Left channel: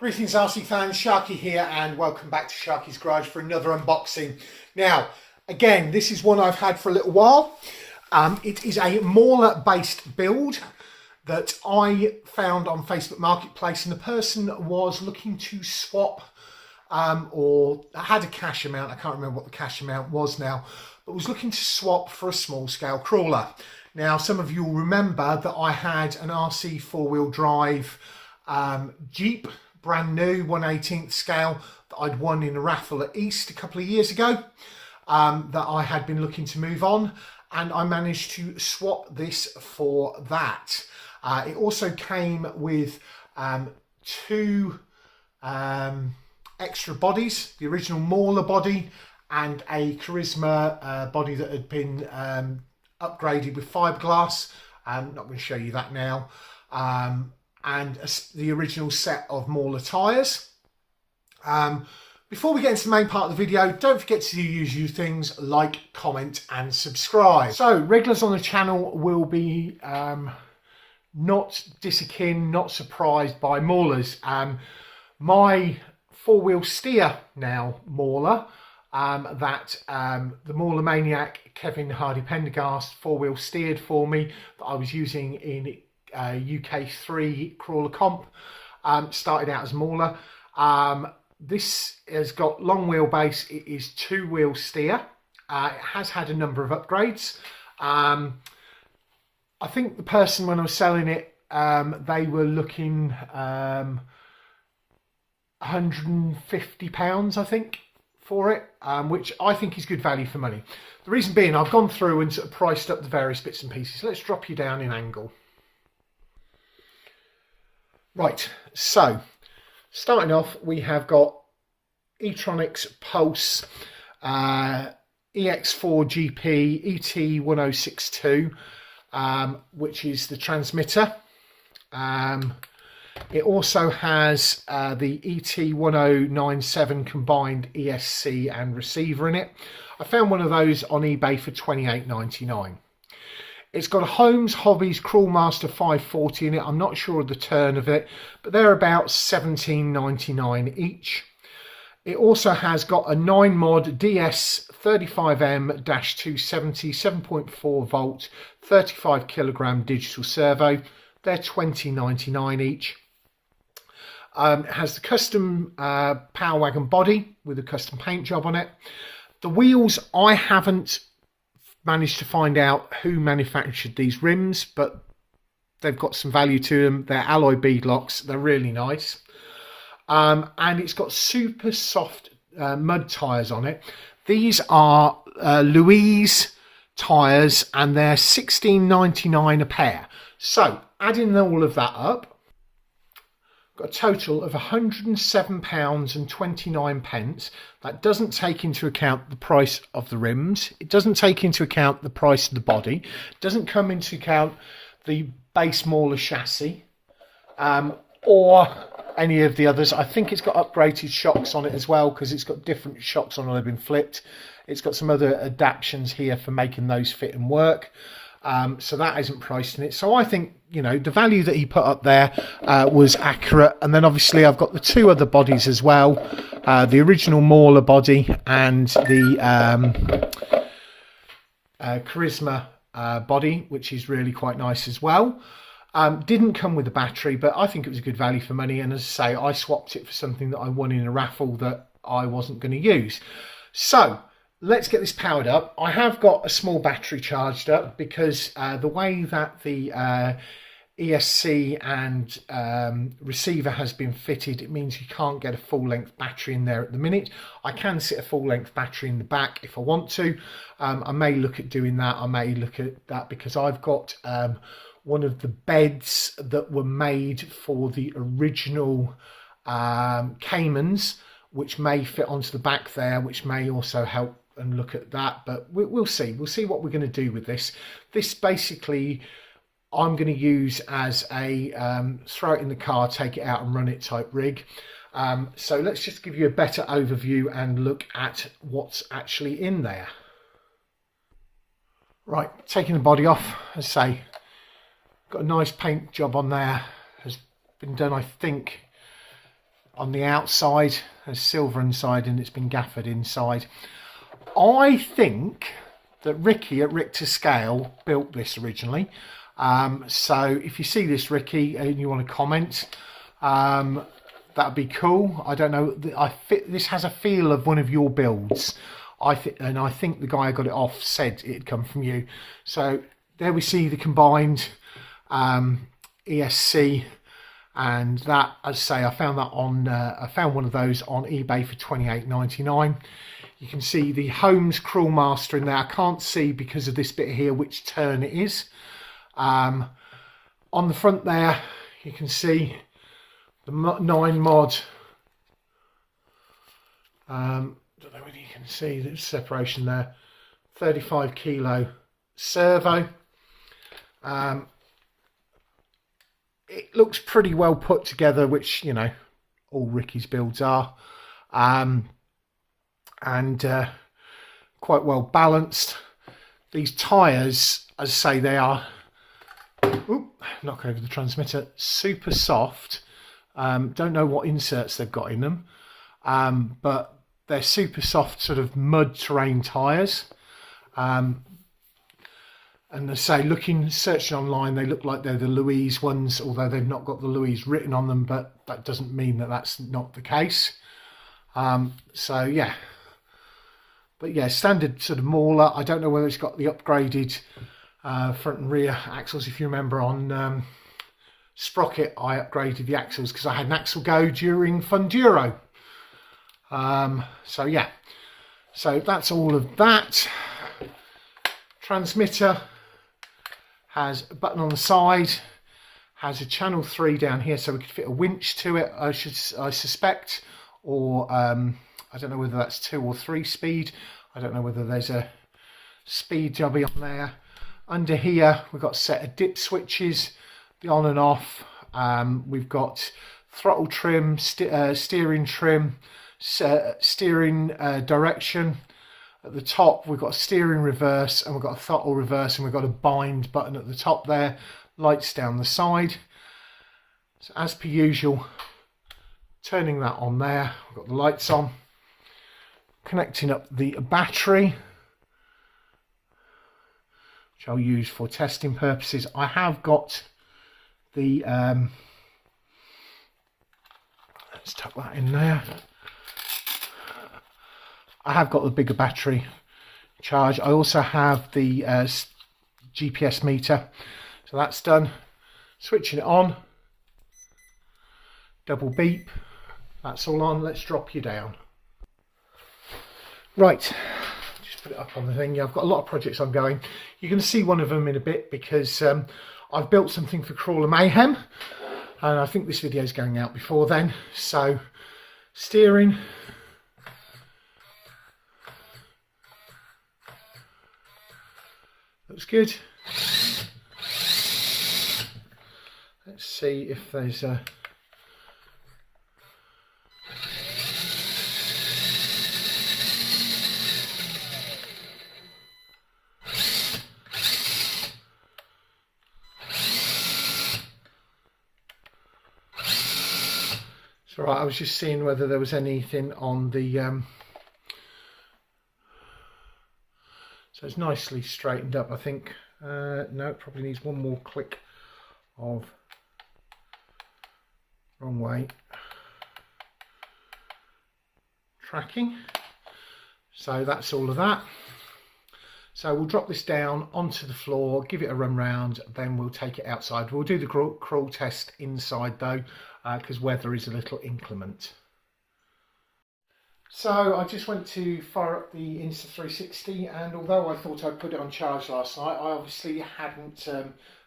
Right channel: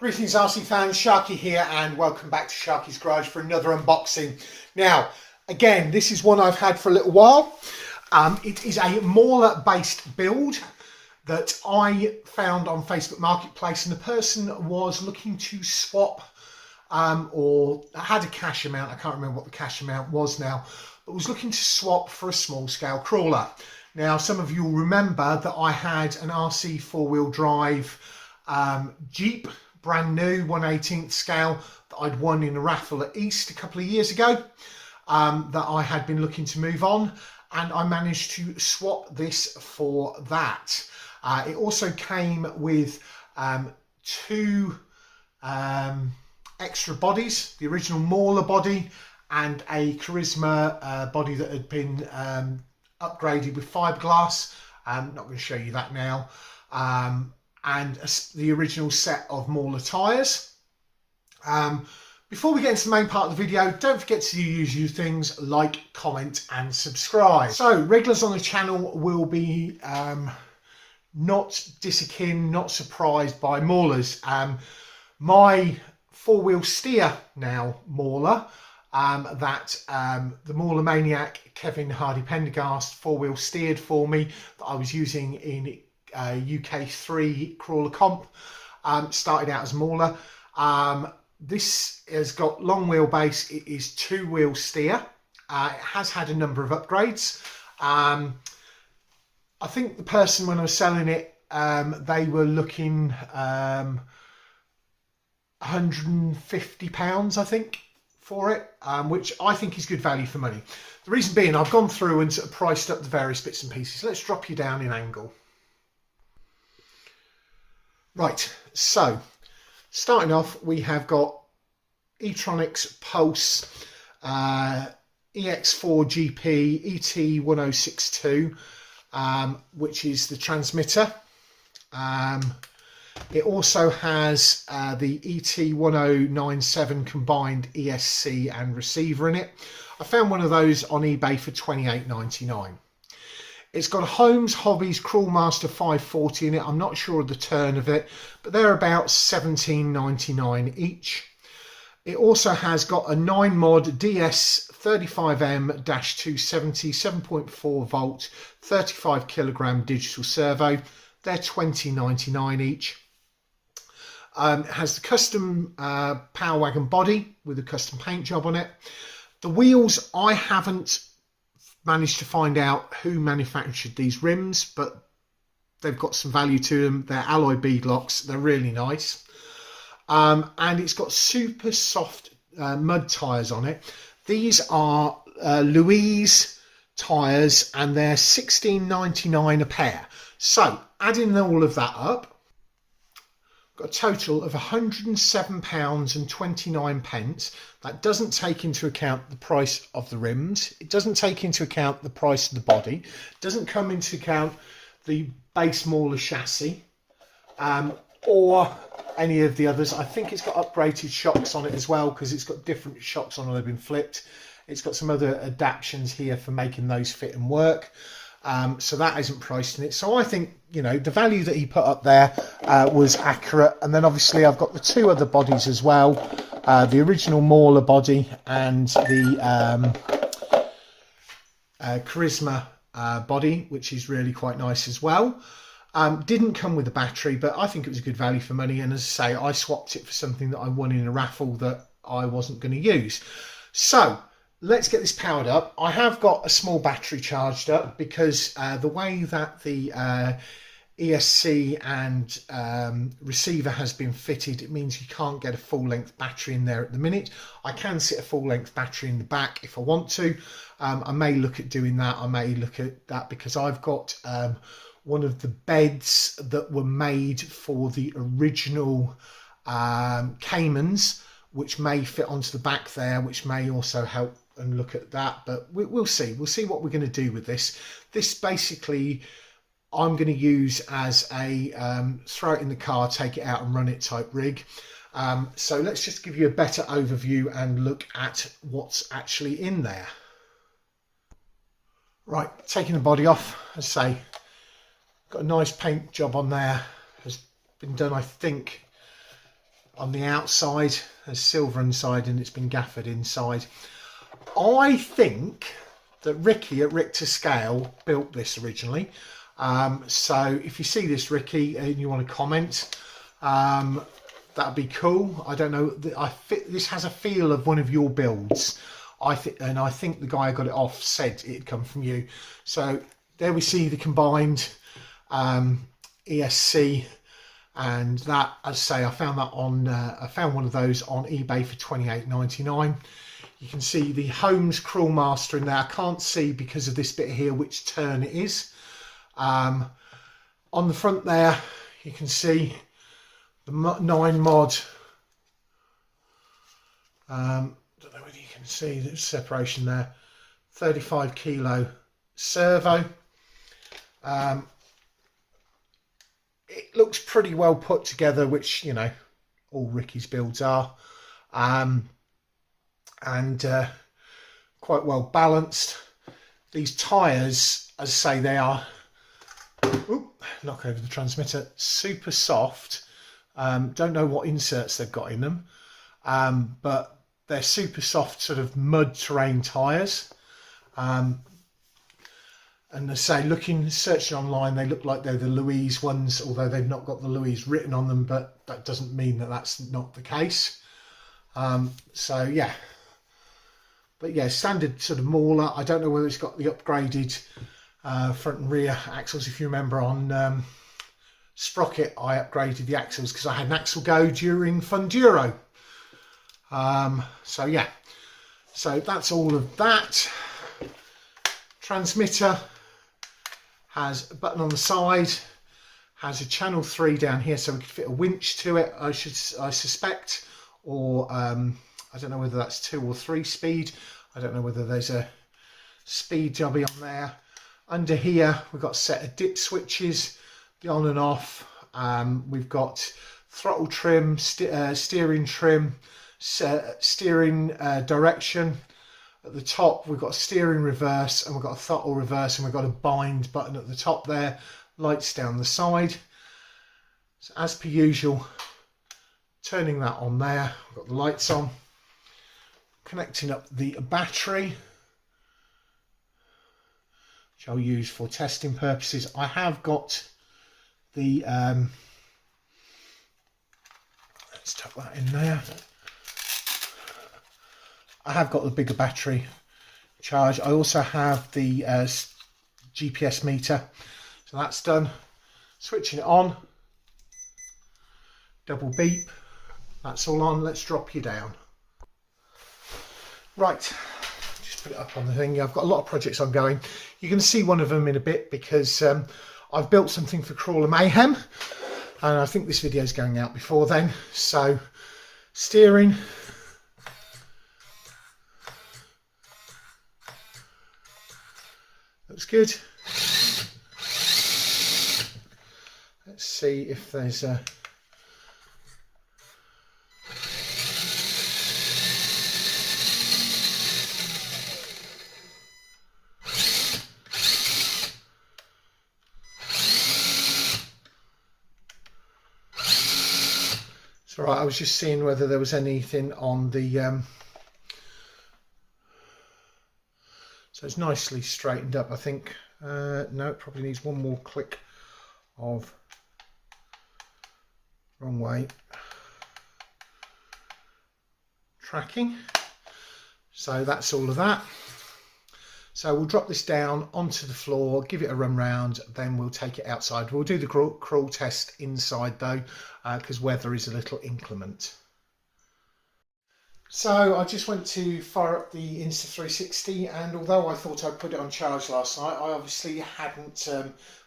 Greetings RC fans, Sharky here and welcome back to Sharky's Garage for another unboxing. Now, again, this is one I've had for a little while. It is a Mauler based build that I found on Facebook Marketplace, and the person was looking to swap or had a cash amount. I can't remember what the cash amount was now, but was looking to swap for a small scale crawler. Now, some of you will remember that I had an RC four-wheel drive Jeep, brand new 1/18 scale, that I'd won in a raffle at East a couple of years ago, that I had been looking to move on, and I managed to swap this for that. It also came with two extra bodies, the original Mauler body and a Carisma body that had been upgraded with fiberglass. I'm not going to show you that now. And the original set of Mauler tyres. Before we get into the main part of the video, don't forget to do usual things like, comment and subscribe. So regulars on the channel will be not disakin, not surprised by Maulers. My four-wheel steer now Mauler, the Mauler Maniac Kevin Hardy Pendergast four-wheel steered for me, that I was using in UK3 Crawler Comp, started out as Mauler. This has got long wheelbase. It is two-wheel steer. It has had a number of upgrades. I think the person, when I was selling it, they were looking £150, I think, for it, which I think is good value for money. The reason being, I've gone through and sort of priced up the various bits and pieces. So let's drop you down in angle. Right, so starting off, we have got Etronics Puls EX4GD ET1062, which is the transmitter. It also has the ET1097 combined ESC and receiver in it. I found one of those on eBay for £28.99. It's got a Holmes Hobbies Crawlmaster 540 in it. I'm not sure of the turn of it, but they're about £17.99 each. It also has got a 9 mod DS35M-270 7.4 volt 35 kilogram digital servo. They're £20.99 each. It has the custom PowerWagen body with a custom paint job on it. The wheels, I haven't managed to find out who manufactured these rims, but they've got some value to them. They're alloy beadlocks. They're really nice. And it's got super soft mud tyres on it. These are Louise tyres, and they're £16.99 a pair. So adding all of that up, got a total of £107.29. That doesn't take into account the price of the rims. It doesn't take into account the price of the body. It doesn't come into account the base Mauler chassis or any of the others. I think it's got upgraded shocks on it as well, because it's got different shocks on it. They've been flipped. It's got some other adaptations here for making those fit and work. So that isn't priced in it. So I think, you know, the value that he put up there was accurate. And then obviously I've got the two other bodies as well, the original Mauler body and the Carisma body, which is really quite nice as well. Didn't come with a battery, but I think it was a good value for money. And as I say, I swapped it for something that I won in a raffle that I wasn't going to use. So let's get this powered up. I have got a small battery charged up, because the way that the ESC and receiver has been fitted, it means you can't get a full length battery in there at the minute. I can sit a full length battery in the back if I want to. I may look at doing that. I may look at that because I've got one of the beds that were made for the original Caymans, which may fit onto the back there, which may also help and look at that. But we'll see. We'll see what we're going to do with this. This basically I'm going to use as a throw it in the car, take it out and run it type rig. So let's just give you a better overview and look at what's actually in there. Right, taking the body off, as I say, got a nice paint job on there. Has been done, I think, on the outside. There's silver inside and it's been gaffered inside. I think that Ricky at Richter Scale built this originally. So if you see this, Ricky, and you want to comment, that'd be cool. I don't know. This has a feel of one of your builds. I think the guy I got it off said it'd come from you. So there we see the combined ESC, and that, as I say, I found that on I found one of those on eBay for $28.99. You can see the Holmes Crawlmaster in there. I can't see because of this bit here which turn it is. On the front there, you can see the 9 mod. Don't know whether you can see the separation there. 35 kilo servo. It looks pretty well put together, which, you know, all Ricky's builds are. And quite well balanced. These tyres, as I say, they are, knock over the transmitter, super soft. Don't know what inserts they've got in them, but they're super soft, sort of mud terrain tyres. And I say, searching online, they look like they're the Louise ones, although they've not got the Louise written on them, but that doesn't mean that that's not the case. So yeah. But yeah, standard sort of Mauler. I don't know whether it's got the upgraded front and rear axles. If you remember on Sprocket, I upgraded the axles because I had an axle go during Funduro. So yeah, so that's all of that. Transmitter has a button on the side, has a channel 3 down here, so we could fit a winch to it, I suspect, or I don't know whether that's 2 or 3 speed. I don't know whether there's a speed jobby on there. Under here, we've got a set of dip switches, the on and off. We've got throttle trim, steering trim, steering direction. At the top, we've got a steering reverse, and we've got a throttle reverse, and we've got a bind button at the top there. Lights down the side. So as per usual, turning that on there, we've got the lights on. Connecting up the battery, which I'll use for testing purposes. I have got the, let's tuck that in there. I have got the bigger battery charge. I also have the GPS meter, so that's done. Switching it on, double beep, that's all on. Let's drop you down. Right, just put it up on the thing. Yeah, I've got a lot of projects ongoing. You're going to see one of them in a bit because I've built something for Crawler Mayhem, and I think this video is going out before then. So steering, looks good. Let's see if there's a right, I was just seeing whether there was anything on the so it's nicely straightened up, I think. No, it probably needs one more click of wrong way tracking. So that's all of that. So we'll drop this down onto the floor, give it a run round, then we'll take it outside. We'll do the crawl test inside though, because weather is a little inclement. So I just went to fire up the Insta360, and although I thought I'd put it on charge last night, I obviously hadn't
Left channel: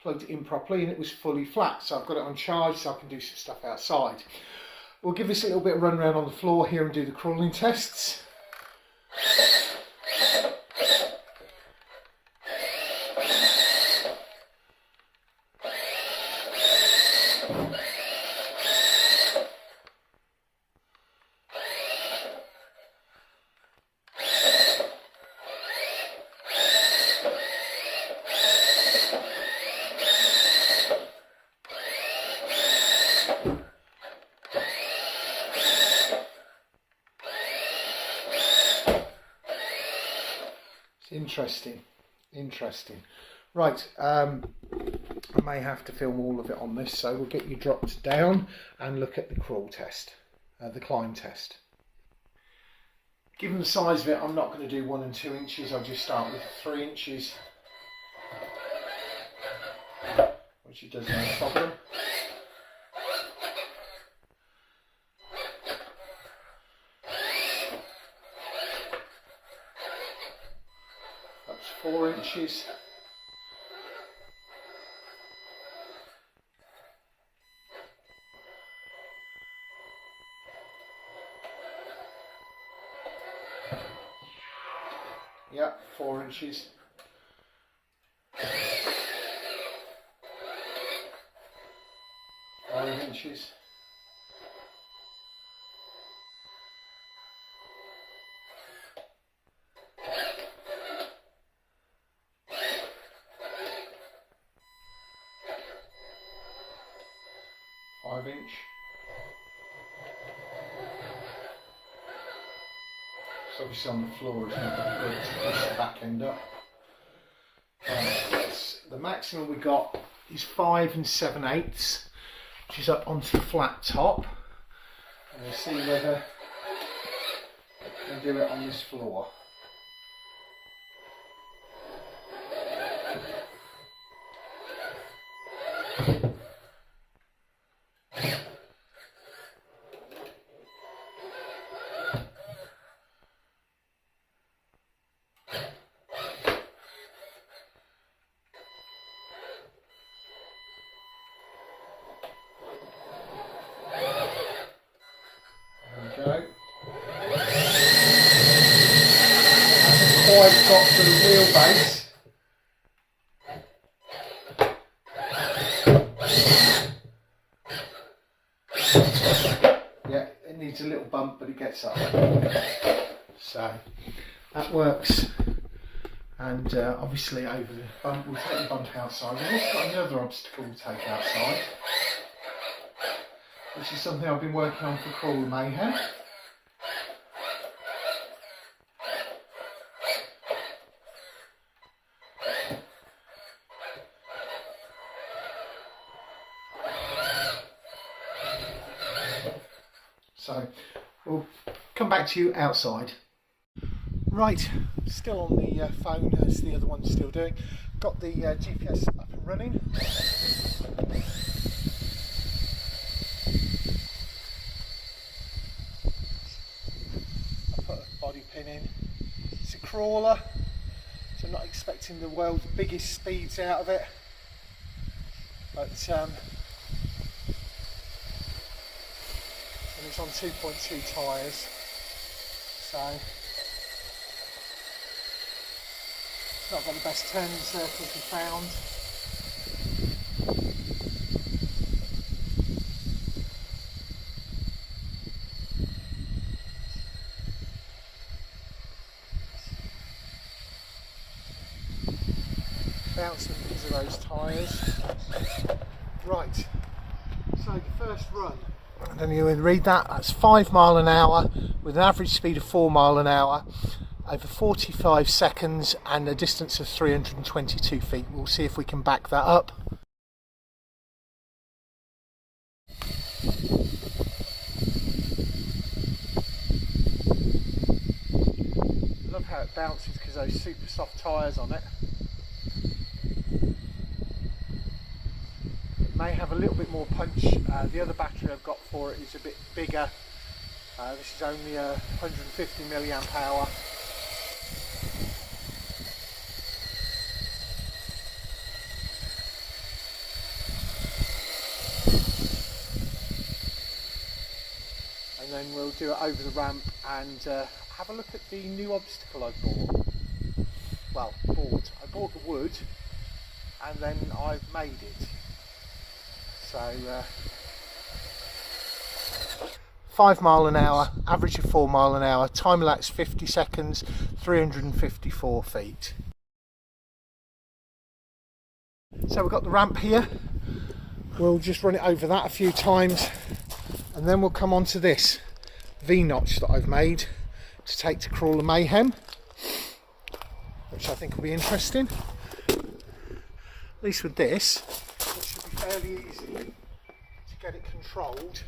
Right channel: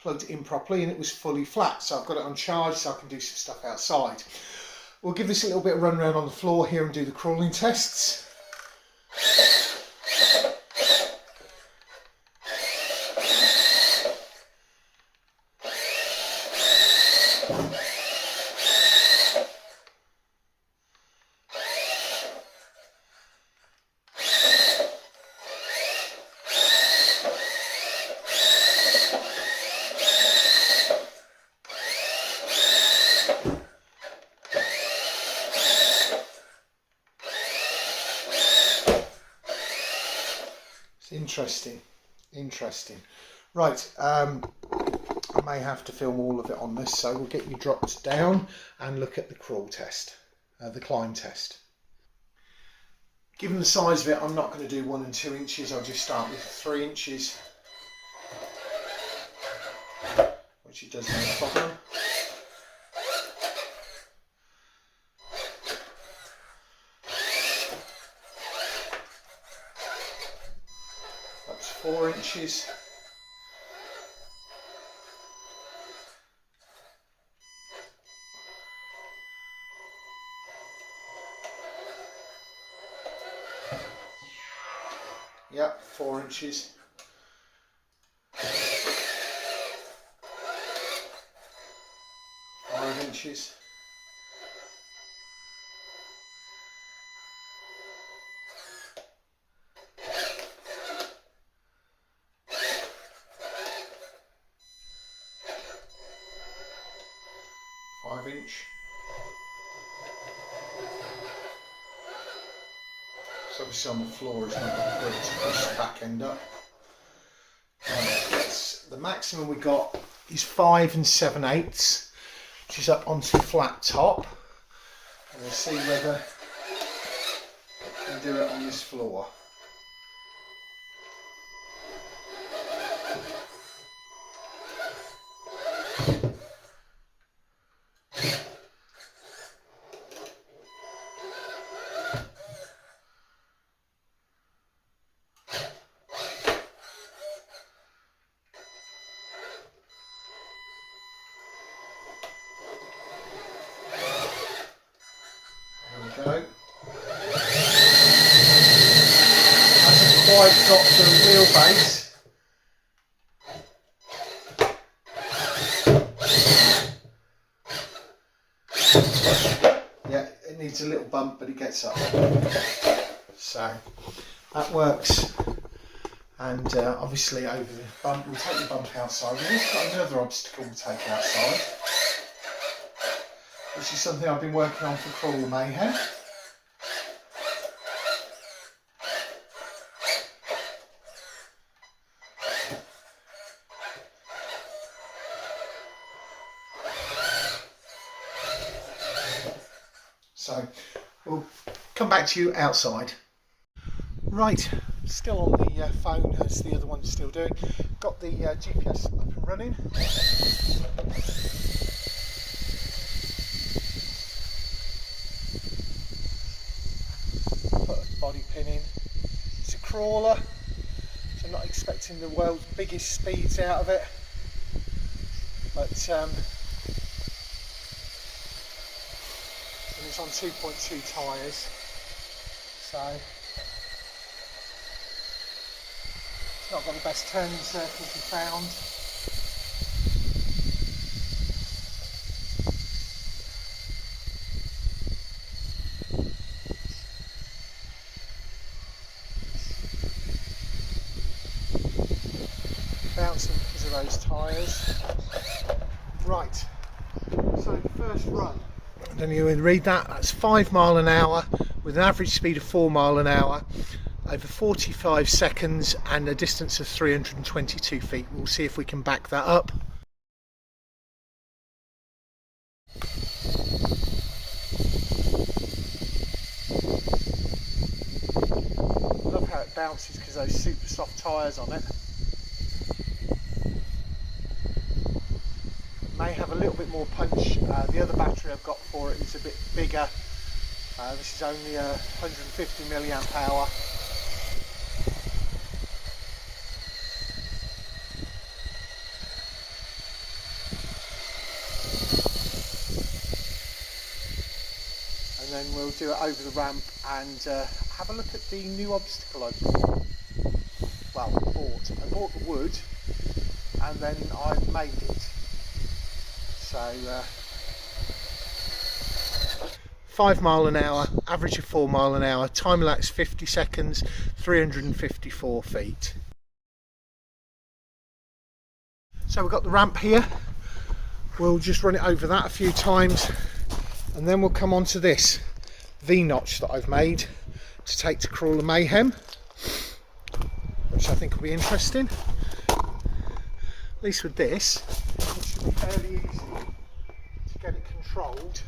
plugged it in properly and it was fully flat. So I've got it on charge so I can do some stuff outside. We'll give this a little bit of run round on the floor here and do the crawling tests. Interesting. Right, I may have to film all of it on this, so we'll get you dropped down and look at the crawl test, the climb test. Given the size of it, I'm not going to do 1 and 2 inches. I'll just start with 3 inches, which it does no problem. Up to 4 inches. Yep, 4 inches. 5 inches. 5 inch. So obviously on the floor it's not that good to push the back end up. The maximum we got is 5 7/8, which is up onto the flat top. And we'll see whether it can do it on this floor. Hasn't quite got to the wheelbase. Yeah, it needs a little bump, but it gets up. So that works. And obviously over the bump, we'll take the bump outside. We've also got another obstacle to take outside, which is something I've been working on for Crawler Mayhem. So we'll come back to you outside. Right, still on the phone as the other one's still doing. Got the GPS up and running. Put a body pin in. It's a crawler, so I'm not expecting the world's biggest speeds out of it. But and it's on 2.2 tyres, so not got the best turning circles we found. Bouncing because of those tyres. Right, so the first run. I don't know if you can read that. That's 5 miles an hour with an average speed of 4 miles an hour over 45 seconds and a distance of 322 feet. We'll see if we can back that up. I love how it bounces because those super soft tyres on it. May have a little bit more punch. The other battery I've got for it is a bit bigger. This is only a 150 milliamp hour. And then we'll do it over the ramp and have a look at the new obstacle I've bought. Well, I bought the wood and then I've made it. So 5 miles an hour, average of 4 miles an hour, time elapsed 50 seconds, 354 feet. So we've got the ramp here. We'll just run it over that a few times and then we'll come on to this V-notch that I've made to take to Crawler Mayhem. which I think will be interesting. At least with this, it should be fairly easy to get it controlled.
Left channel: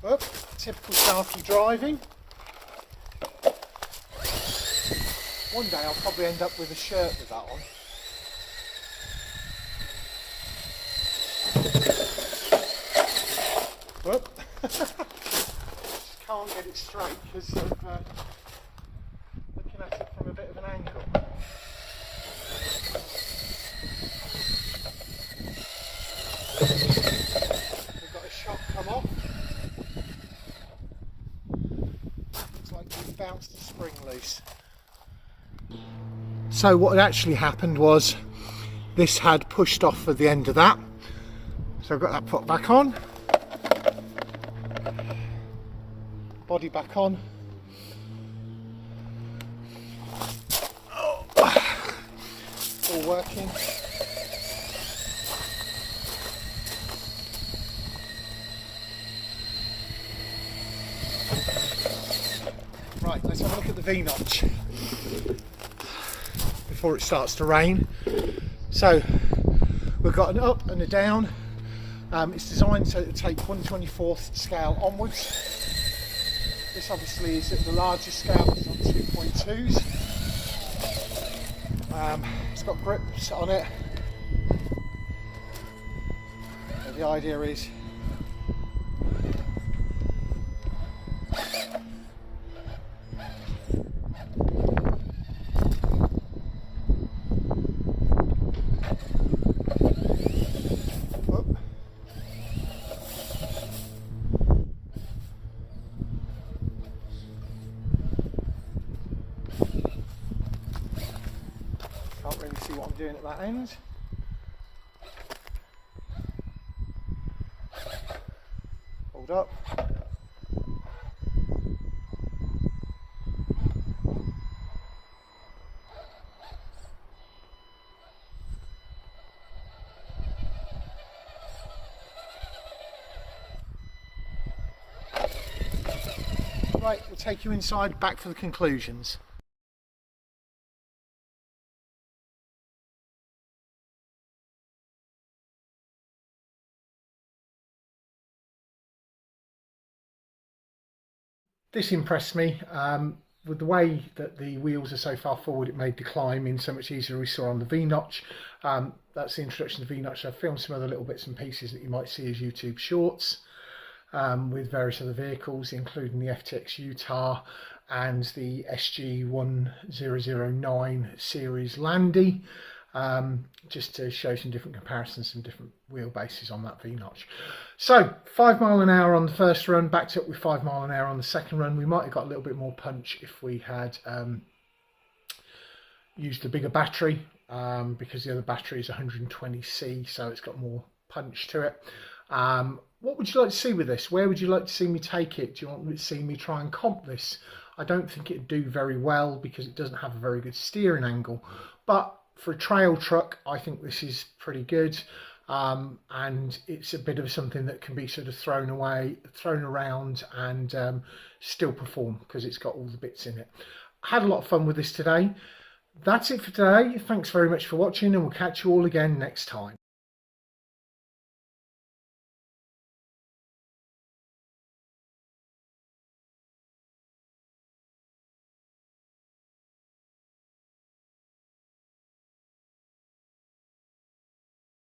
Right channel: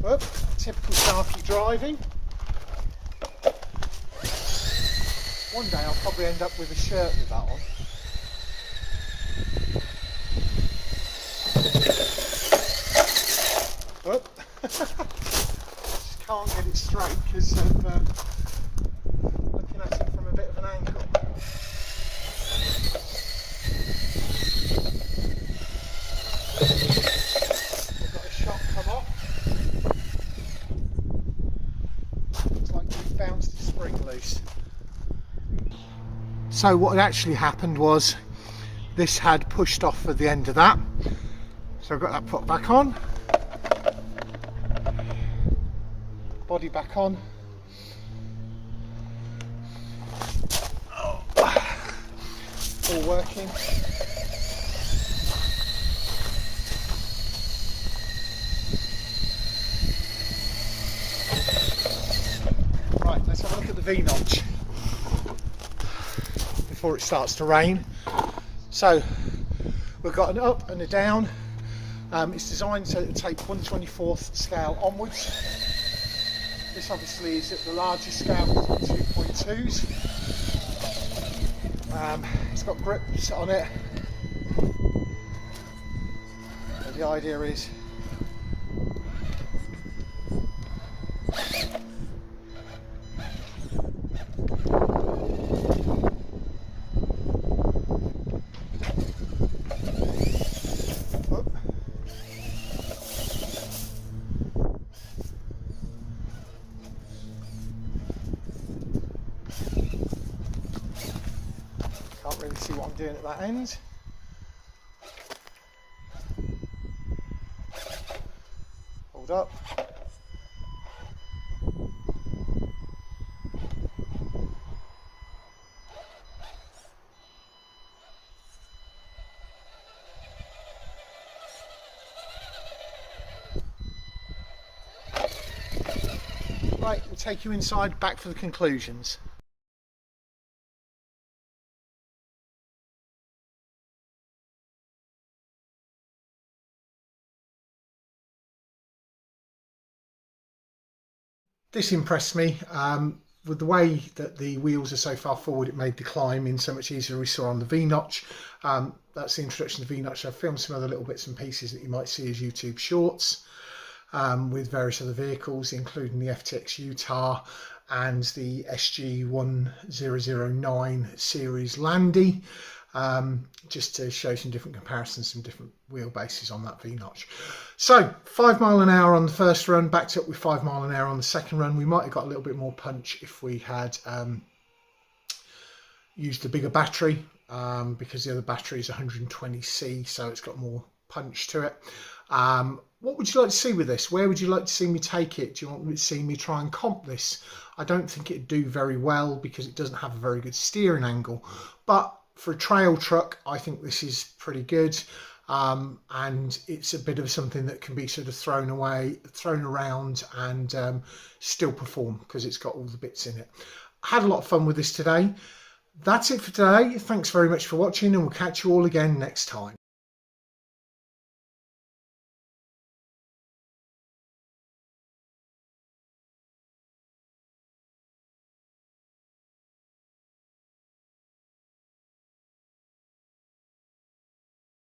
Well, typical Sharky driving. One day I'll probably end up with a shirt with that on. Whoop. Just can't get it straight because of looking at it from a bit of an angle. We've got a shock come off. Looks like we've bounced the spring loose. So what had actually happened was this had pushed off at the end of that. So I've got that put back on. Body back on. All working. Right, let's have a look at the V-notch before it starts to rain. So we've got an up and a down. It's designed to take 1/24th scale onwards. This obviously is at the largest scale, 2.2s. It's got grips on it. So the idea is can't really see what I'm doing at that end. Hold up. Right, we'll take you inside, back for the conclusions. This impressed me. With the way that the wheels are so far forward, it made the climbing so much easier. We saw on the V-notch. That's the introduction to the V-notch. I've filmed some other little bits and pieces that you might see as YouTube shorts with various other vehicles, including the FTX Utah and the SG1009 series Landy. Just to show some different comparisons, some different wheelbases on that V-notch. So 5 miles an hour on the first run, backed up with 5 miles an hour on the second run. We might have got a little bit more punch if we had used a bigger battery, because the other battery is 120C, so it's got more punch to it. What would you like to see with this? Where would you like to see me take it? Do you want to see me try and comp this? I don't think it'd do very well because it doesn't have a very good steering angle, but for a trail truck, I think this is pretty good, and it's a bit of something that can be sort of thrown around, and still perform because it's got all the bits in it. I had a lot of fun with this today. That's it for today. Thanks very much for watching, and we'll catch you all again next time.